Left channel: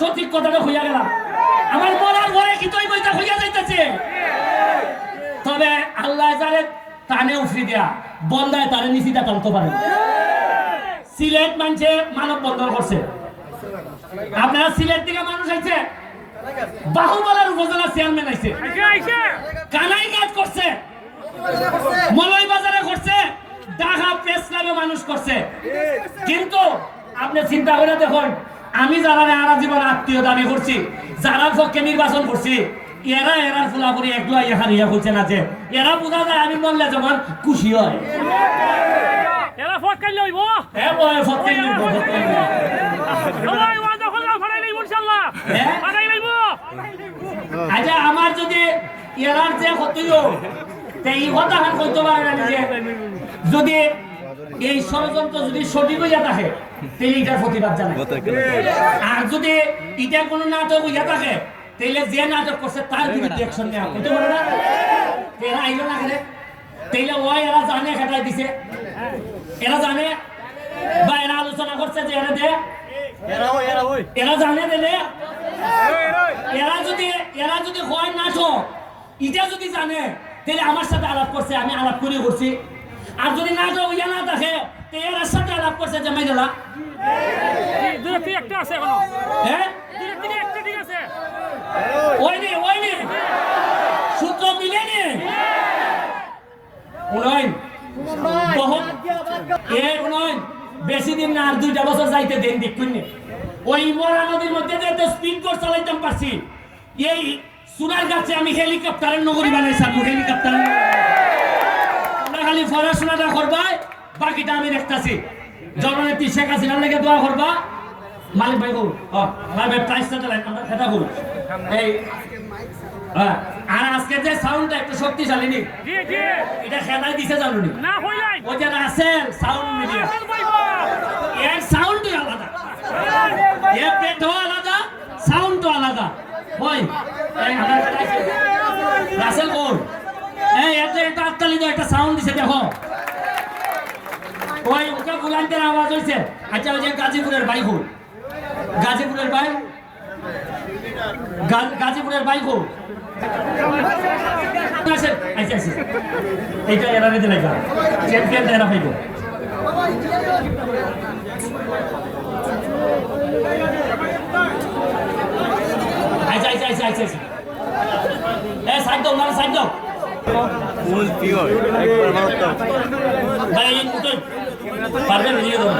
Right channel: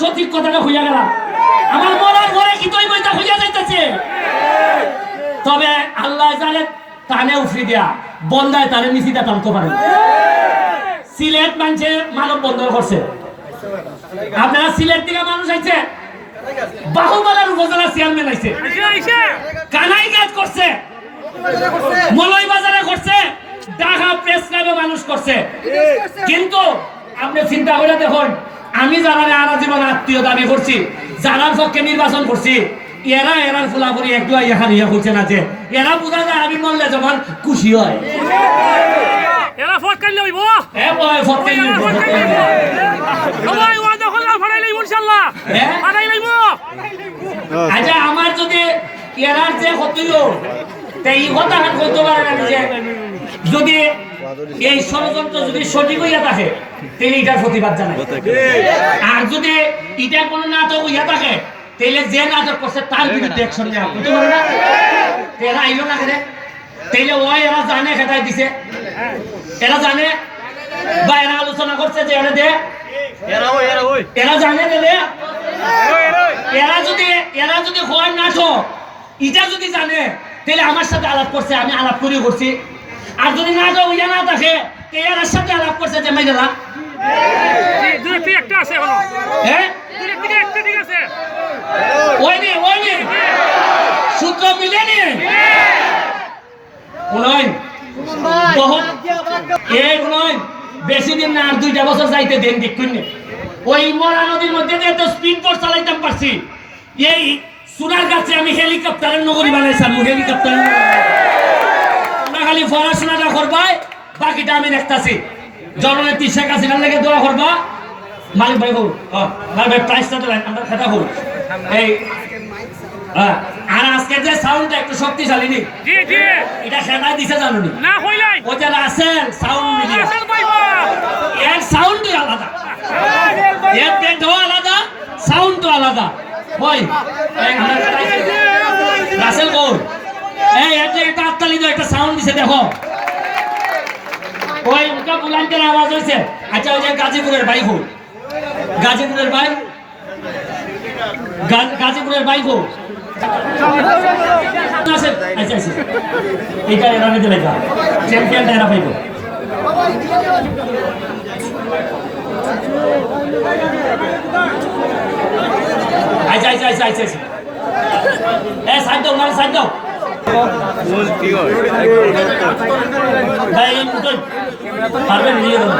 সঠিক কথাটা হইয়া গেলাম আমার মরার ঘরে কি তুই বইটা হইয়া যাইতেছে তবে আল্লাহ জানে টানে উফরি দেয়া বন্দায় তারে নিচিতা টানতে পারে সিলেট মানুষে মানব বন্ধন করছে আপনারা সিলেট থেকে মানুষ আইছে বাহুবলের উপজেলা চেয়ারম্যান আইছে কানাই কাজ করছে মলয় বাজারে করছে ঢাকা প্রেস ক্লাবে মানুষ করছে কিন্তু আপনি চিন্তা করে দেখুন আমি যারা আরা জীবন আত্মীয় দাবি করছি যারা পক্ষে নির্বাচন করছি এরা এরার ফুলা করি একটু এখানে ইয়া করছে না যে এরা বোঝা যায় আমি মরলে যখন খুশি হয় এরা ফট কাটলে হইব হ্যাঁ বয় ফট কাটলে সবাই ওয়াদা করলা ফাড়াই লইব ইনশাআল্লাহ ফাড়াই লইব আচ্ছা আমার যদি এরার যে হতিল তাই কথা হাত করতে পারে না যে যদি এই ষড়যন্ত্র যদি সঠিক হইয়া থাকে তাহলে এটার প্রতিবাদ জানাই আর যদি এটা কোনো নাটক হইয়া থাকে তাহলে যে নাটক করছে তার বিরুদ্ধে অ্যাকশন নেওয়া হতে পারে না এরা আইলো না কেন তাহলে ওই এরা জানে খেটাই দিছে এরা জানে বা এরা আলোচনা করছে যে এরা দে এরা জানে দিলে এরা যদি হয় নাটক এটা যদি জানে তাহলে আমার সাথে আলাপ করছে আমি আলাপ করিও করছি আর যদি নাটক হইয়া না থাকে এর সাথে আলাপ করছে যে মাইলা দুই থেকে একটা আছে এখনো হ্যাঁ দুই থেকে একটা ঠিক আছে ওই নে সূত্র মিলে নে উনয়ন বহুত উনয়ন বেশি দিন না আর 2টা বছর যাইতে দেন দেখুন ওই মরা নদীর মধ্যে তো স্পিড বোট চালাইতাম পারছি এই সোনার গাছে আমি হেলিকপ্টারের নগরী বানাইছিলাম হেলিকপ্টার খালি পড়াশোনাটা করবাই বাকিটা আমি দেখতেছি জননেত্রী শেখ হাসিনার লেগে দোয়া করবা মালিক ভাই হোক মালিক ভাই প্রাইসটা তো আমরা সেটা হোক এই আর আজকে যে সাউন্ডটা একটু শক্তিশালী নি জি জি এটা খেলাই দিছে জানুনি না হইলাই ওই যে রাসেল সাউন্ড মিডিয়া রাসেল পাইবা এর সাউন্ডই আলাদা এর পেটও আলাদা সাউন্ডও আলাদা ওই রাসেল কোর এই একটা আত্তালি তো একটা সাউন্ড দিছে দেখো ওই উনকা বুলান্তের আওয়াজ হইছে আচ্ছা ওই যে গাজীপুরের বাইক হোক গাজীপুরের বাইক গাজীপুরের বাইক হোক আচ্ছা আচ্ছা এইটা এরা নিতে লেখা চ্যাম্পিয়নটা এরা পাইব আচ্ছা আচ্ছা আচ্ছা আচ্ছা সাইড দাও মানে সাইড দাও পারবেন নিয়ে দেবো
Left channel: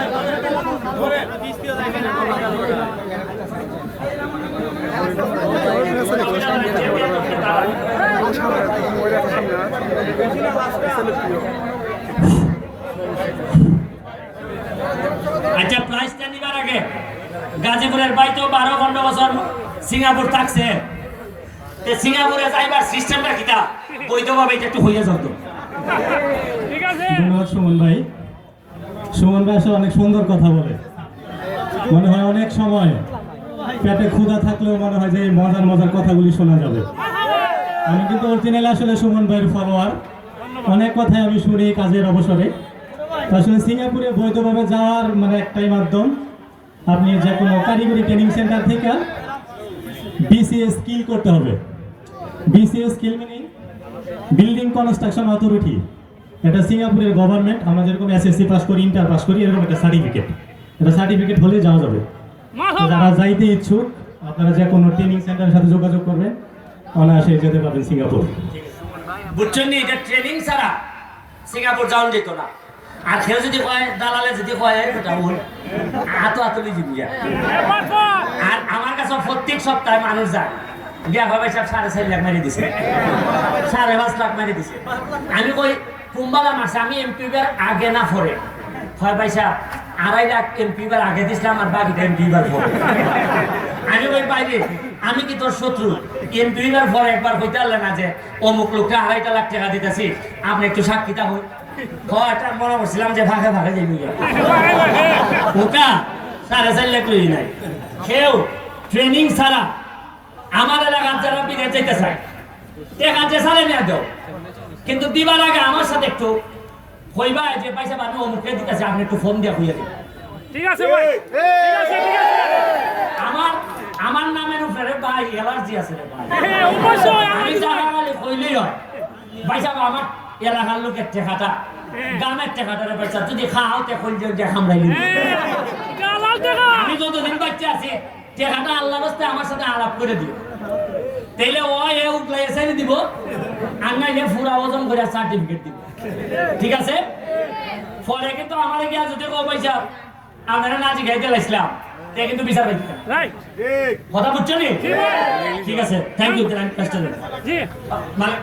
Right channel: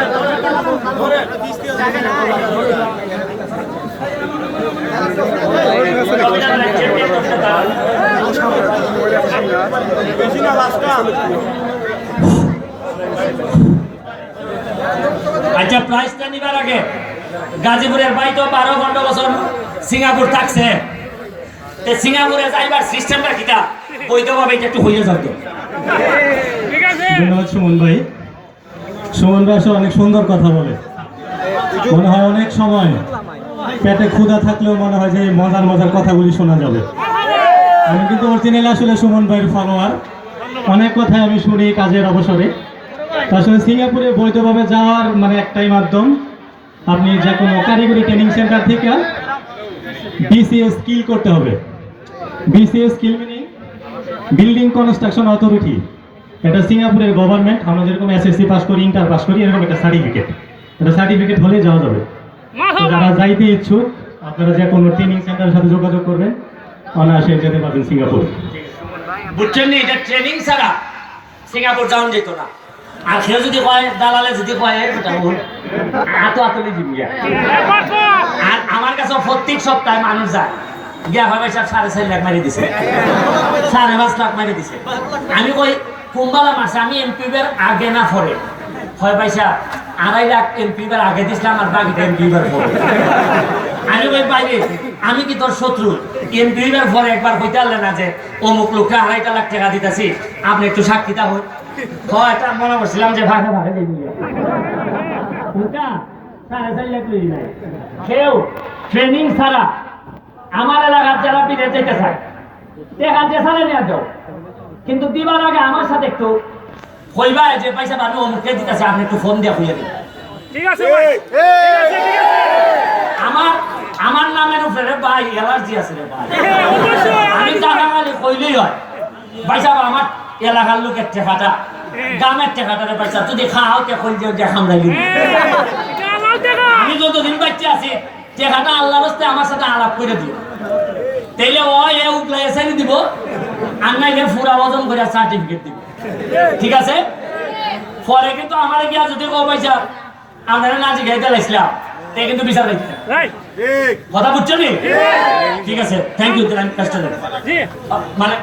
আচ্ছা প্রাইসটা নিবার আগে গাজীপুরের ভাই তো 12-15 বছর সিঙ্গাপুর থাকছে সিঙ্গাপুরে যাইবার সিস্টেমটা কিটা বৈধভাবে এটা একটু হইয়া যেত ঠিক আছে ধন্যবাদ সুমন ভাই আসলে অনেক সুন্দর কথা বলে মনে হয় অনেক সময় পেটে ক্ষুধা থাকলেও মনে হয় যে এই মজার কথাগুলি শোনা যাবে আমি কিন্তু অরিজিনালি আসলে সুমন ভাইয়ের ফলোয়ার অনেক কথা আমি শুনি কাজের অবসরে আসলে সিঙ্গাপুরে বৈধভাবে যাওয়ার মানে একটাই মাধ্যম আপনি যে কোনো কারিগরি ট্রেনিং সেন্টার থেকে বিসিএস স্কিল করতে হবে BCS skill meaning building construction authority এটা সিঙ্গাপুরের গভর্নমেন্ট আমরা যেরকম এসএসসি পাস করি ইন্টার পাস করি এরকম একটা সার্টিফিকেট হলে যাওয়া যাবে যারা যাইতে ইচ্ছুক আপনারা যে কোনো ট্রেনিং সেন্টারের সাথে যোগাযোগ করবেন অনায়াসে যেতে পারবেন সিঙ্গাপুর বুঝছেন নি এটা ট্রেনিং ছাড়া সিঙ্গাপুর যাওয়া যেত না আর কেউ যদি কয় দালালে যদি কয় হাতলি দিবিয়া আর আমার কাছে প্রত্যেক সপ্তাহে মানুষ যায় গিয়া ভাবে সব 4.5 লাখ মারি দিছে 5.5 লাখ মারি দিছে আমি কই কুম্বালা মাসে আমি এমপিবার আগে না পরে হয় পয়সা 2.5 লাখ এমপিবার আগে দিছিলাম আর বাকিটা এমপিবার পরে আমি কই বাইরে আমি কি তোর শত্রু এমপিবার পরে একবার কইতে পারলে না যে অমুক লোককে 2.5 লাখ টাকা দিতেছি আপনি একটু সাক্ষীতা হই হয় এটা মনে করছিলাম যে ভাগে যাইবি ওটা 4.5 লাখ লই নাই কেউ ট্রেনিং ছাড়া আমার এলাকার যারা বিদেশ যেতে চায় দেখা যে সালে নিয়ে দাও কিন্তু দিবার আগে আমার সাথে একটু কইবা যে পয়সা আমি অমুককে দিতেছি আপনি একটু ফোন দিয়ে হইয়া দিন ঠিক আছে ভাই অ্যালার্জি আছে রে ভাই অবশ্যই আমি টাকা খালি কইলেই হয় ভাই সাহেব আমার এলাকার লোকের টেকাটা গ্রামের টেকাটা রে ভাই সাহেব যদি খাও তে কইল যে খামড়াইলি আমার দেখা আমি যতদিন বাচ্চা আছি টেকাটা আল্লাহর রাস্তায় আমার সাথে আলাপ করে দিও তাইলে ও এ উগলাই এসে দিব আর নাইলে ফুরা ওজন করে সার্টিফিকেট দিব ঠিক আছে পরে কিন্তু আমার গিয়া যদি কো ভাই সাহেব আপনারা না জিগাইতে লাইছিলাম তে কিন্তু বিচার রাখতে রাইট কথা বুঝছো নি ঠিক আছে থ্যাংক ইউ আমি কষ্ট জি মানে